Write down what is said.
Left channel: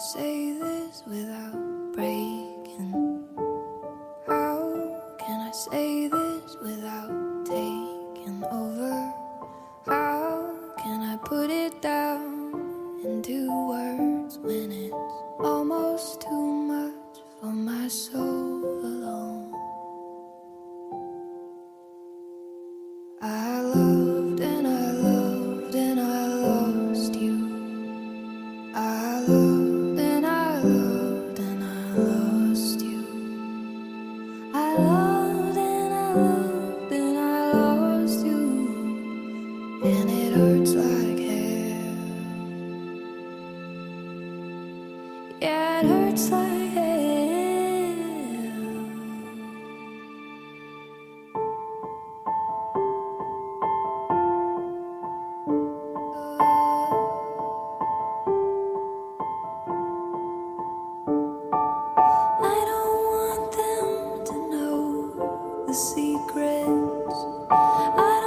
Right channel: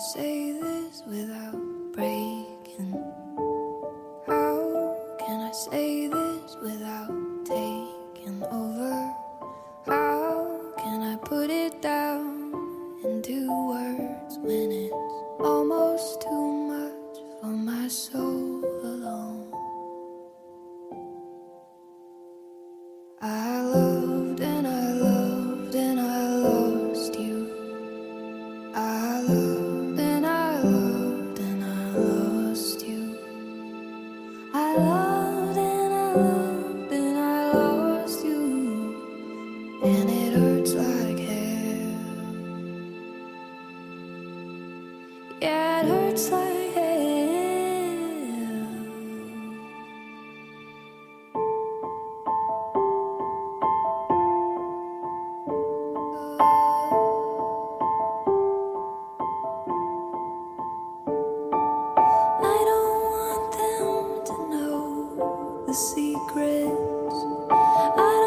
say this without breaking? How can I say this without taking over? How can I put it down into words when it's almost too much for my soul alone? I loved and I loved and I lost you. I loved and I loved and I lost you. I loved and I loved and I lost you. And it hurts like hell. Yeah, it hurts like hell. I don't want them to know the secrets I